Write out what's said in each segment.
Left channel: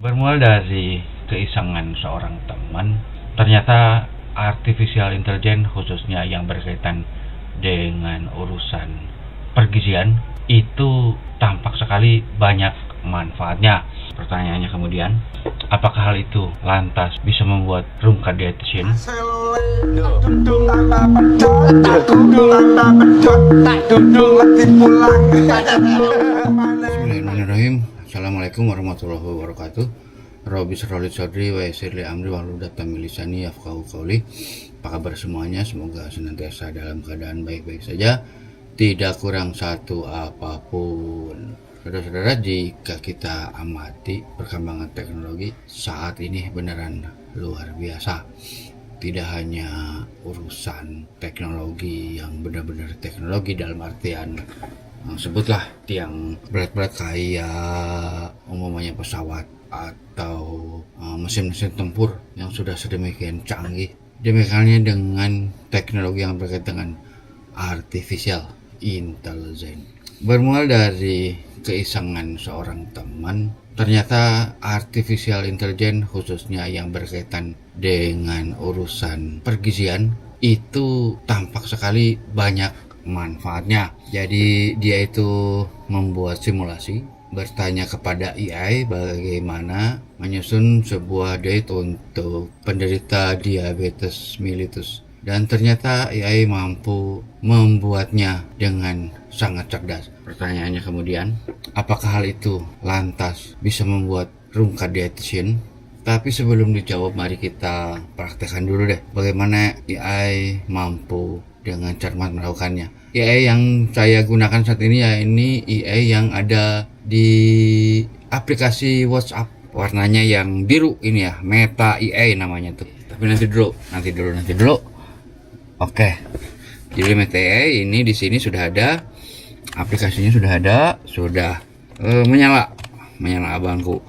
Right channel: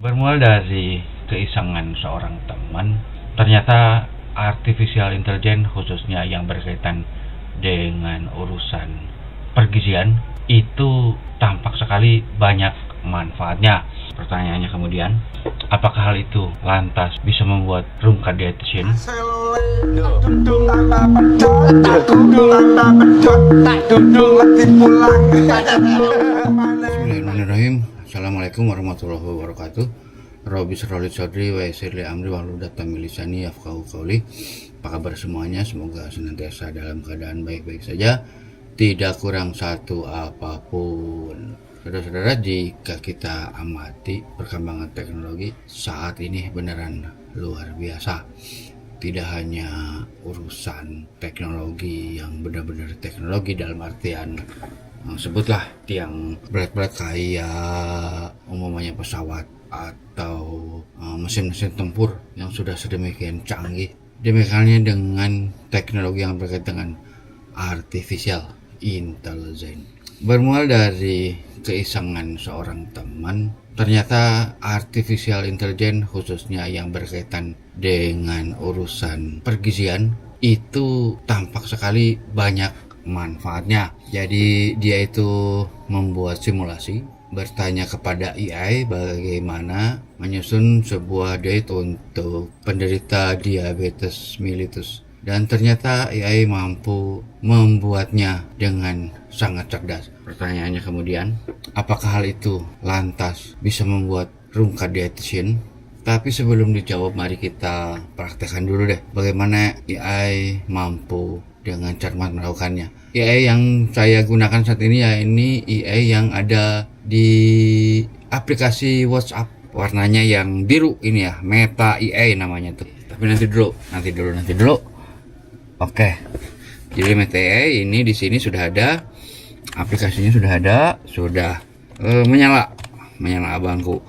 Bermula dari keisengan seorang teman, ternyata artificial intelligence khususnya yang berkaitan dengan urusan pergizian itu tampak sekali banyak manfaatnya. Pertanyaannya kemudian, apakah hal itu lantas bisa membuat room condition? Bismillahirrahmanirrahim. Assalamualaikum warahmatullahi wabarakatuh. Rabbi shrah li sadri wa yassir li amri wahlul 'uqdatam min lisani yafqahu qawli. Apa kabar semuanya? Semoga senantiasa dalam keadaan baik-baik saja, tidak kurang satu apapun. Saudara-saudara, jika kita amati perkembangan teknologi saat ini beneran luar biasa. Tidak hanya urusan teknologi yang benar-benar teknologi dalam artian sebutlah yang berat-berat kayak umumnya pesawat atau mesin-mesin tempur yang sudah sedemikian canggih. Demikiannya dengan teknologi yang berkaitan dengan artificial intelligence. Bermula dari keisengan seorang teman, ternyata artificial intelligence khususnya yang berkaitan dengan urusan pergizian itu tampak sekali banyak manfaatnya. Jadi dia itu membuat simulasi, bertanya kepada AI bagaimana menyusun sebuah diet untuk penderita diabetes mellitus. Dan ternyata AI mampu membuatnya dengan sangat cerdas. Pertanyaannya kemudian, apakah hal itu lantas bisa membuat room dietitian? Tapi sebelum dijawab, mari kita praktekkan dulu deh bagaimana AI mampu dengan cermat melakukannya. AI yang saya gunakan saat ini ya ini AI yang ada di aplikasi WhatsApp, warnanya yang biru ini ya, Meta AI namanya tuh. Tapi nanti dulu. Oke. Jadi Meta AI ini di sini sudah ada, aplikasinya sudah ada, sudah menyala bangku.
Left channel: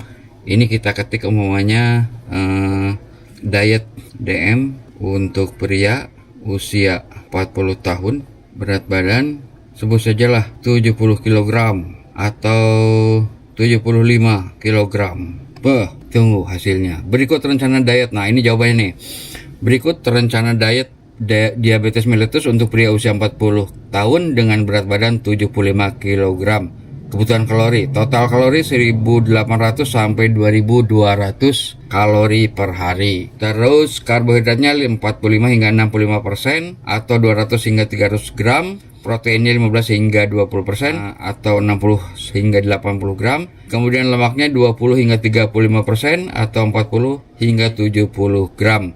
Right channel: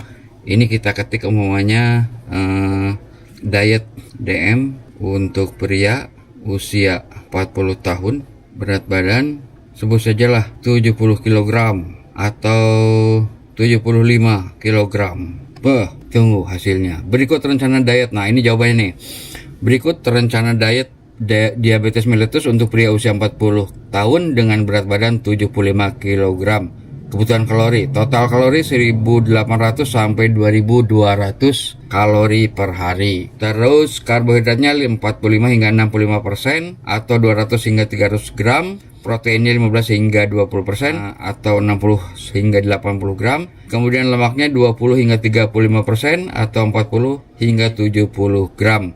Ini kita ketik umumnya diet DM untuk pria usia 40 tahun, berat badan sebut sajalah 70 kg atau 75 kg. Tunggu hasilnya. Berikut rencana diet. Nah, ini jawabannya nih. Berikut rencana diet diabetes mellitus untuk pria usia 40 tahun dengan berat badan 75 kg. Kebutuhan kalori, total kalori 1800 sampai 2200 kalori per hari. Terus karbohidratnya 45 hingga 65% atau 200 hingga 300 gram. Proteinnya 15 hingga 20% atau 60 hingga 80 gram. Kemudian lemaknya 20 hingga 35% atau 40 hingga 70 gram.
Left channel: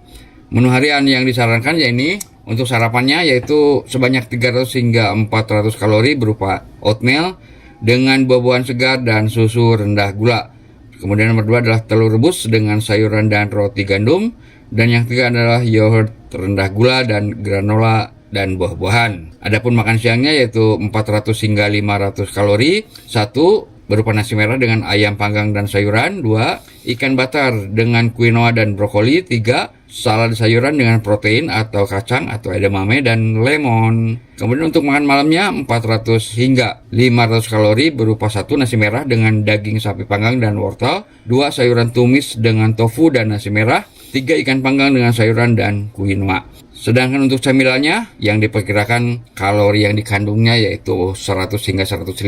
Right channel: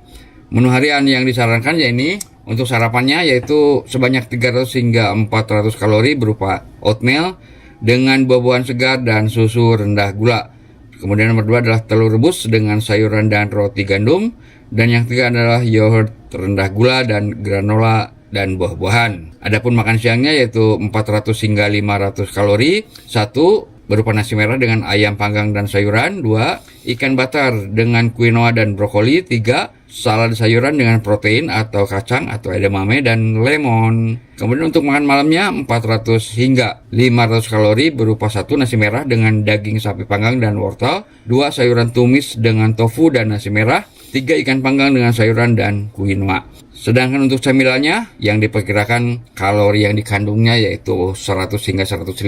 Menu harian yang disarankan ya ini untuk sarapannya yaitu sebanyak 300 hingga 400 kalori berupa oatmeal dengan buah-buahan segar dan susu rendah gula. Kemudian nomor 2 adalah telur rebus dengan sayuran dan roti gandum. Dan yang ketiga adalah yogurt rendah gula dan granola dan buah-buahan. Adapun makan siangnya yaitu 400 hingga 500 kalori. 1. Berupa nasi merah dengan ayam panggang dan sayuran. 2. Ikan bakar dengan quinoa dan brokoli. 3. Salad sayuran dengan protein atau kacang atau edamame dan lemon. Kemudian untuk makan malamnya 400 hingga 500 kalori berupa 1. Nasi merah dengan daging sapi panggang dan wortel. 2. Sayuran tumis dengan tofu dan nasi merah. 3. Ikan panggang dengan sayuran dan quinoa. Sedangkan untuk camilannya yang diperkirakan kalori yang dikandungnya yaitu 100 hingga 150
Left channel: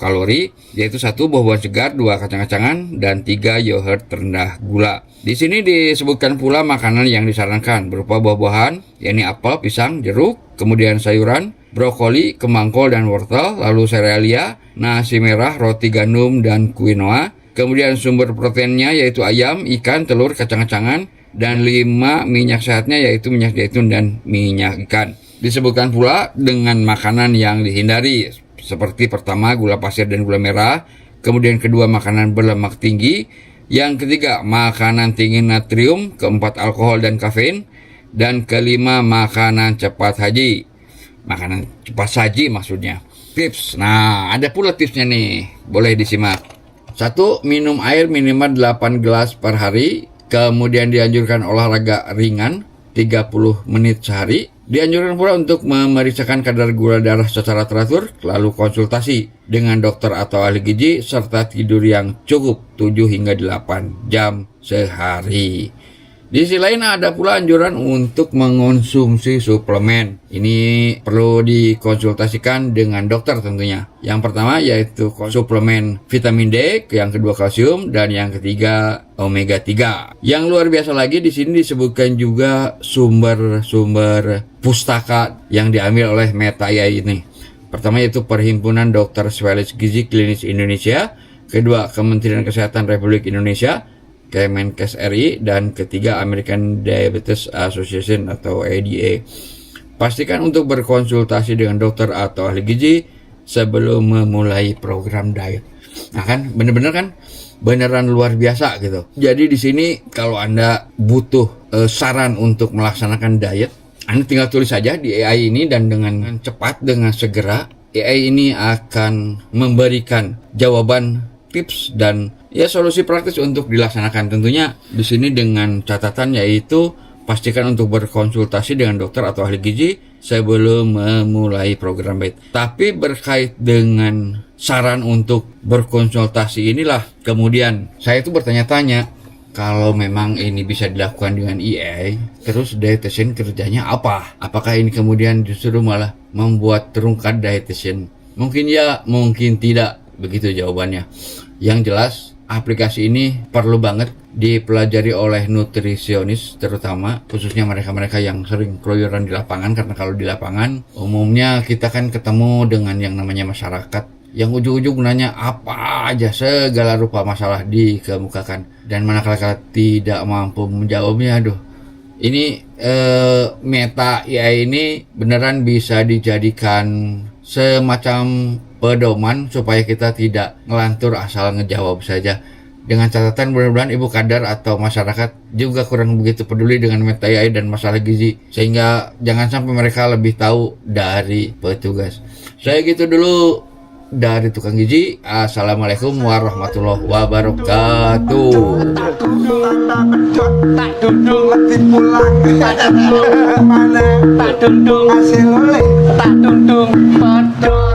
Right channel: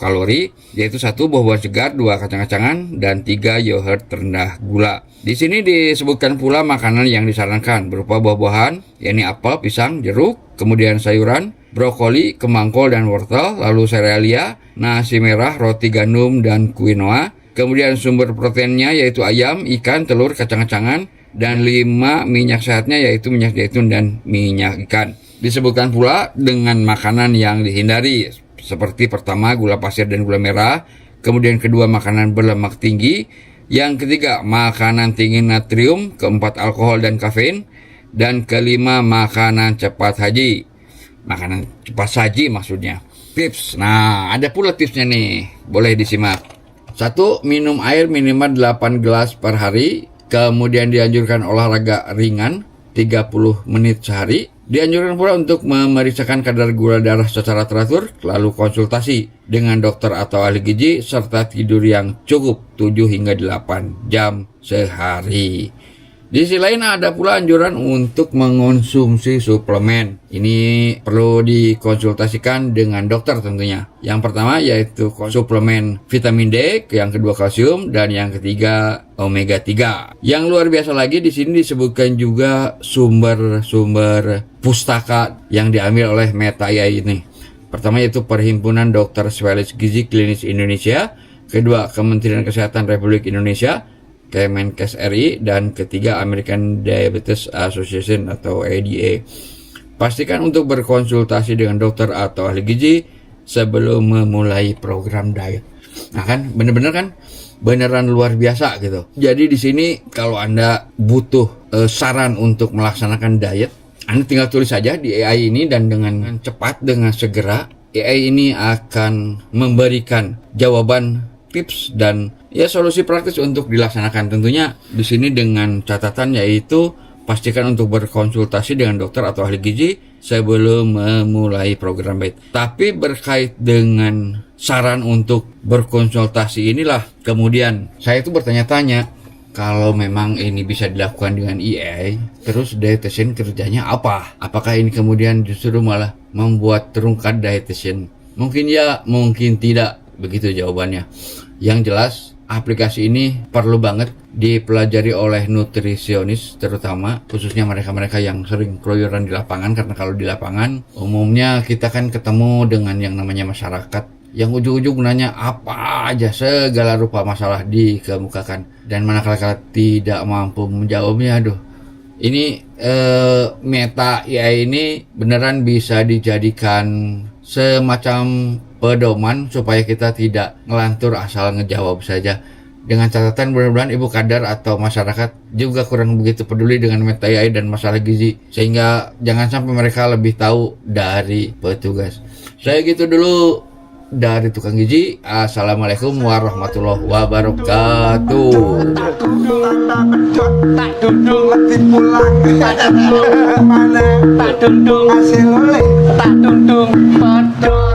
kalori, yaitu 1. Buah-buahan segar, 2. Kacang-kacangan, dan 3. Yogurt rendah gula. Di sini disebutkan pula makanan yang disarankan berupa buah-buahan, yakni apel, pisang, jeruk, kemudian sayuran, brokoli, kembang kol dan wortel, lalu serealia, nasi merah, roti gandum dan quinoa. Kemudian sumber proteinnya yaitu ayam, ikan, telur, kacang-kacangan, dan 5. Minyak sehatnya yaitu minyak zaitun dan minyak ikan. Disebutkan pula dengan makanan yang dihindari seperti pertama gula pasir dan gula merah, kemudian kedua makanan berlemak tinggi, yang ketiga makanan tinggi natrium, keempat alkohol dan kafein, dan kelima makanan cepat saji. Makanan cepat saji maksudnya. Tips. Nah, ada pula tipsnya nih. Boleh disimak. 1. Minum air minimal 8 gelas per hari. Kemudian dianjurkan olahraga ringan 30 menit sehari. Dianjurkan pula untuk memeriksakan kadar gula darah secara teratur, lalu konsultasi dengan dokter atau ahli gizi, serta tidur yang cukup 7 hingga 8 jam sehari. Di sisi lain ada pula anjuran untuk mengonsumsi suplemen. Ini perlu dikonsultasikan dengan dokter tentunya. Yang pertama yaitu suplemen vitamin D, yang kedua kalsium, dan yang ketiga omega 3. Yang luar biasa lagi di sini disebutkan juga sumber-sumber pustaka yang diambil oleh Metaya ini. Pertama yaitu Perhimpunan Dokter Spesialis Gizi Klinis Indonesia, kedua Kementerian Kesehatan Republik Indonesia, Kemenkes RI, dan ketiga American Diabetes Association atau ADA. Pastikan untuk berkonsultasi dengan dokter atau ahli gizi sebelum memulai program diet. Nah kan, bener-bener kan, beneran luar biasa gitu. Jadi di sini kalau Anda butuh saran untuk melaksanakan diet, Anda tinggal tulis saja di AI ini, dan dengan cepat, dengan segera AI ini akan memberikan jawaban, tips, dan ya solusi praktis untuk dilaksanakan. Tentunya di sini dengan catatan yaitu pastikan untuk berkonsultasi dengan dokter atau ahli gizi sebelum memulai program diet. Tapi berkait dengan saran untuk berkonsultasi inilah kemudian saya itu bertanya-tanya, kalau memang ini bisa dilakukan dengan AI, terus dietitian kerjanya apa? Apakah ini kemudian justru malah membuat terungkap dietitian? Mungkin ya, mungkin tidak. Begitu jawabannya. Yang jelas, aplikasi ini perlu banget dipelajari oleh nutrisionis, terutama khususnya mereka-mereka yang sering keluyuran di lapangan, karena kalau di lapangan umumnya kita kan ketemu dengan yang namanya masyarakat yang ujung-ujung nanya apa aja, segala rupa masalah dikemukakan, dan manakala tidak mampu menjawabnya, aduh, ini Meta AI ini beneran bisa dijadikan semacam pedoman supaya kita tidak ngelantur asal ngejawab saja. Dengan catatan mudah-mudahan Ibu Kadar atau masyarakat juga kurang begitu peduli dengan Meta AI dan masalah gizi, sehingga jangan sampai mereka lebih tahu dari petugas. Saya gitu dulu dari Tukang Gizi. Assalamualaikum warahmatullahi wabarakatuh. Tak dudung mati pulang, tak dudung mana, tak dudung hasil oleh, tak dudung padha.